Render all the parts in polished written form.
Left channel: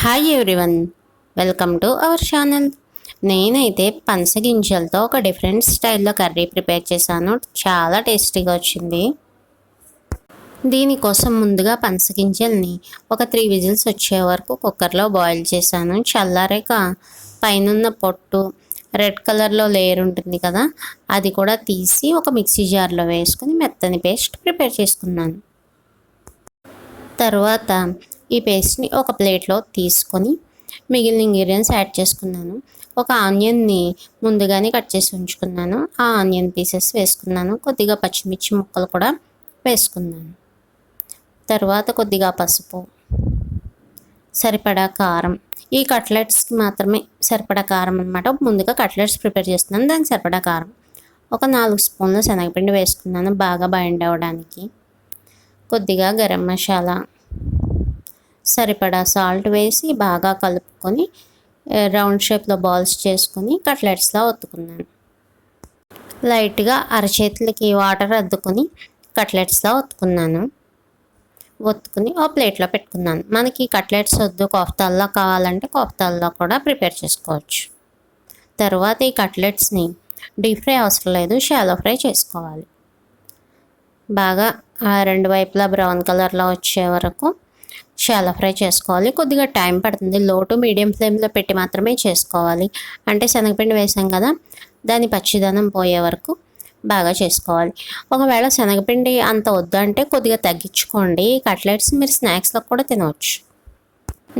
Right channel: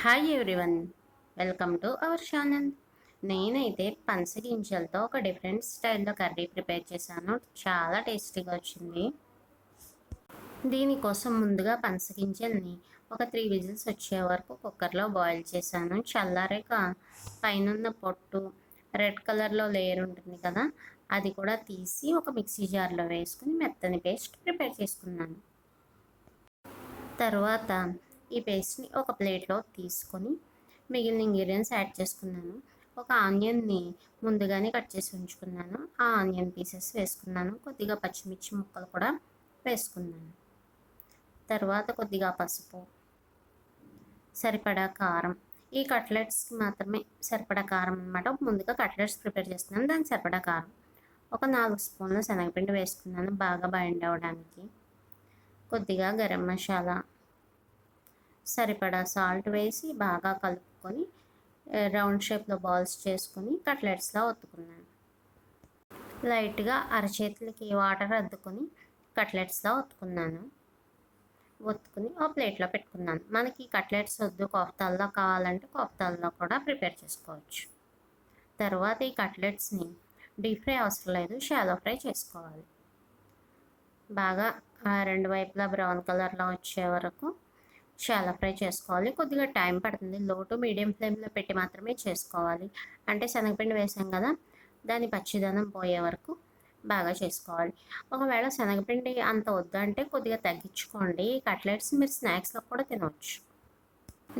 Hi everyone, welcome to our channel. నేనైతే పనసగింజలతో ఒక different స్టైల్లో కర్రీ ప్రిపేర్ చేశాను. చాలా టేస్టీగా వచ్చింది. దీనికోసం ముందుగా పనసగింజల్ని ఒక 3 విజిల్స్ వచ్చే వరకు కుక్కర్లో బాయిల్ చేశాను. చల్లారాక పైనున్న పొట్టు, రెడ్ కలర్లో లేయర్ ఉంటుంది కదా, అది కూడా తీసి ఒక మిక్సీ జార్లో వేసుకొని మెత్తని పేస్ట్ ప్రిపేర్ చేసుకున్నాను. తర్వాత ఈ పేస్ట్ని ఒక ప్లేట్లో తీసుకొని మిగిలిన ఇంగ్రీడియంట్స్ యాడ్ చేసుకున్నాను. ఒక ఆనియన్ని ముందుగానే కట్ చేసి ఉంచుకున్నాను. ఆ ఆనియన్ పీసెస్ వేసుకున్నాను. కొద్దిగా పచ్చిమిర్చి ముక్కలు కూడా వేసుకున్నాను. తర్వాత కొద్దిగా పసుపు, సరిపడా కారం. ఈ కట్లెట్స్కి మాత్రమే సరిపడా కారం అనమాట. ముందుగా కట్లెట్స్ ప్రిపేర్ చేస్తున్నాను, దానికి సరిపడా కారం. ఒక 4 స్పూన్ల శనగపిండి వేసుకున్నాను బాగా బైండ్ అవ్వడానికి. కొద్దిగా గరం మసాలా, సరిపడా సాల్ట్ వేసి బాగా కలుపుకొని రౌండ్ షేప్లో బాల్స్ చేసుకొని కట్లెట్స్లా ఒత్తుకున్నాను. లైట్గా అరచేతులకి వాటర్ అద్దుకొని కట్లెట్స్లా ఒత్తుకున్నాను. ఒత్తుకుని ఓ ప్లేట్లో పెట్టుకున్నాను. మనకి కట్లెట్స్ వద్దు, కోఫ్తాల్లో కావాలంటే కోఫ్తాల్లో కూడా ప్రిపేర్ చేసుకోవచ్చు. తర్వాత ఈ కట్లెట్స్ని డీప్ ఫ్రై అవసరం లేదు, షాలో ఫ్రై చేసుకోవాలి. బాగా రెండు వైపులా బ్రౌన్ కలర్లో వచ్చే వరకు షాలో ఫ్రై చేసుకోవాలి. కొద్దిగా టైం పడుతుంది. లో టు మీడియం ఫ్లేమ్లో పెట్టి మాత్రమే చేసుకోవాలి. అంటే శనగపిండి వేసాం కదా, దాని పచ్చిదనం పోయే వరకు బాగా చేసుకోవాలి. ఒకవేళ శనగపిండి అంత వద్దంటే కొద్దిగా తగ్గించుకోండి. ఈ కట్లెట్స్ మీరు స్నాక్స్లో కూడా తినవచ్చు.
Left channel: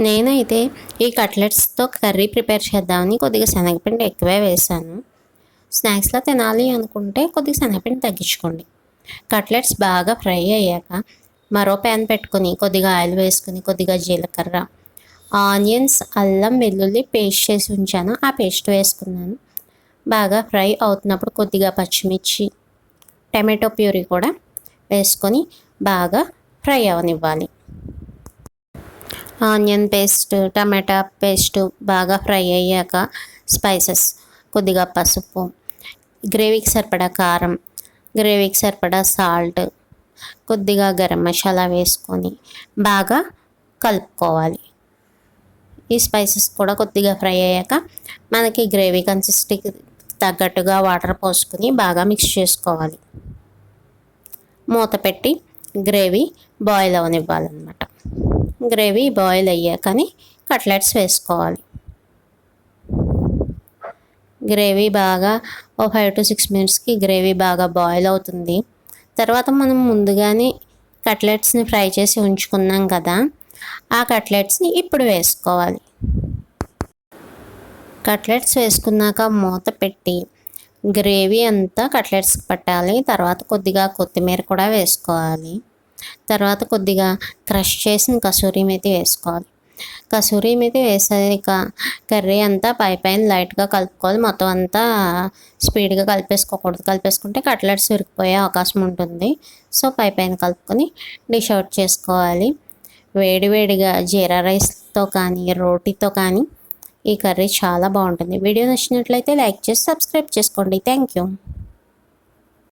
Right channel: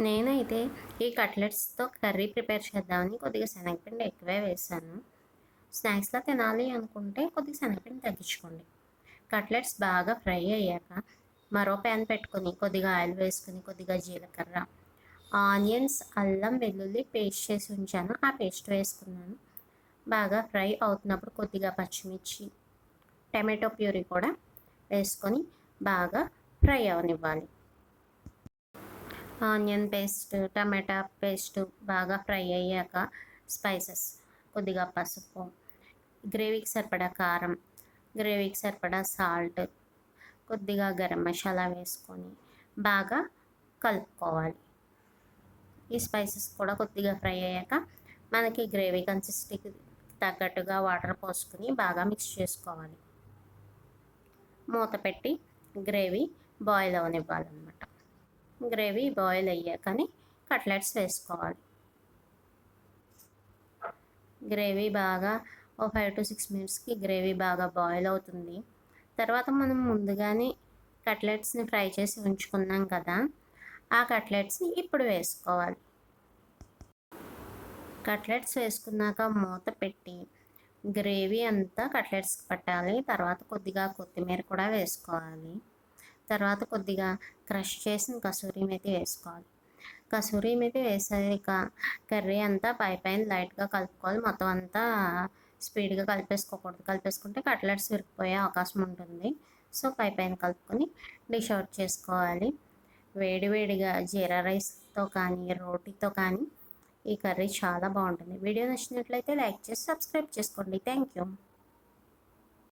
నేనైతే ఈ కట్లెట్స్తో కర్రీ ప్రిపేర్ చేద్దామని కొద్దిగా శనగపిండి ఎక్కువే వేసాను. స్నాక్స్లో తినాలి అనుకుంటే కొద్దిగా శనగపిండి తగ్గించుకోండి. కట్లెట్స్ బాగా ఫ్రై అయ్యాక మరో ప్యాన్ పెట్టుకొని కొద్దిగా ఆయిల్ వేసుకొని కొద్దిగా జీలకర్ర, ఆనియన్స్, అల్లం వెల్లుల్లి పేస్ట్ చేసి ఉంచాను, ఆ పేస్ట్ వేసుకున్నాను. బాగా ఫ్రై అవుతున్నప్పుడు కొద్దిగా పచ్చిమిర్చి, టమాటో ప్యూరీ కూడా వేసుకొని బాగా ఫ్రై అవనివ్వాలి. ఆనియన్ పేస్ట్, టమాటా పేస్ట్ బాగా ఫ్రై అయ్యాక స్పైసెస్, కొద్దిగా పసుపు, గ్రేవీకి సరిపడా కారం, గ్రేవీకి సరిపడా సాల్ట్, కొద్దిగా గరం మసాలా వేసుకొని బాగా కలుపుకోవాలి. ఈ స్పైసెస్ కూడా కొద్దిగా ఫ్రై అయ్యాక మనకి గ్రేవీ కన్సిస్టెన్సీకి తగ్గట్టుగా వాటర్ పోసుకొని బాగా మిక్స్ చేసుకోవాలి. మూత పెట్టి గ్రేవీ బాయిల్ అవనివ్వాలన్నమాట. గ్రేవీ బాయిల్ అయ్యాకని కట్లెట్స్ వేసుకోవాలి. గ్రేవీ బాగా ఓ 5 to 6 మినిట్స్కి గ్రేవీ బాగా బాయిల్ అవుతుంది. తర్వాత మనం ముందుగానే కట్లెట్స్ని ఫ్రై చేసి ఉంచుకున్నాం కదా, ఆ కట్లెట్స్ని ఇప్పుడు వేసుకోవాలి. కట్లెట్స్ వేసుకున్నాక మూత పెట్టి గ్రేవీ అంతా కట్లెట్స్కి పట్టాలి. తర్వాత కొద్దిగా కొత్తిమీర కూడా వేసుకోవాలి. తర్వాత కొద్దిగా క్రష్ చేసిన కసూరి మేతి వేసుకోవాలి. కసూరి మేతి వేసాక కర్రీ అంతా పైన లైట్గా కలుపుకోవాలి. మొత్తం అంతా స్పీడ్గా కలిపేసుకోకూడదు. కలిపేసుకుంటే కట్లెట్స్ విరిగిపోయే అవకాశం ఉంటుంది. సో పైన కలుపుకొని డిష్ అవుట్ చేసుకోవాలి. వేడివేడిగా జీరా రైస్తో కానీ రోటీతో కానీ ఈ కర్రీ చాలా బాగుంటుంది. వీడియో నచ్చినట్లయితే లైక్ చేసి సబ్స్క్రైబ్ చేసుకోండి. Thank you.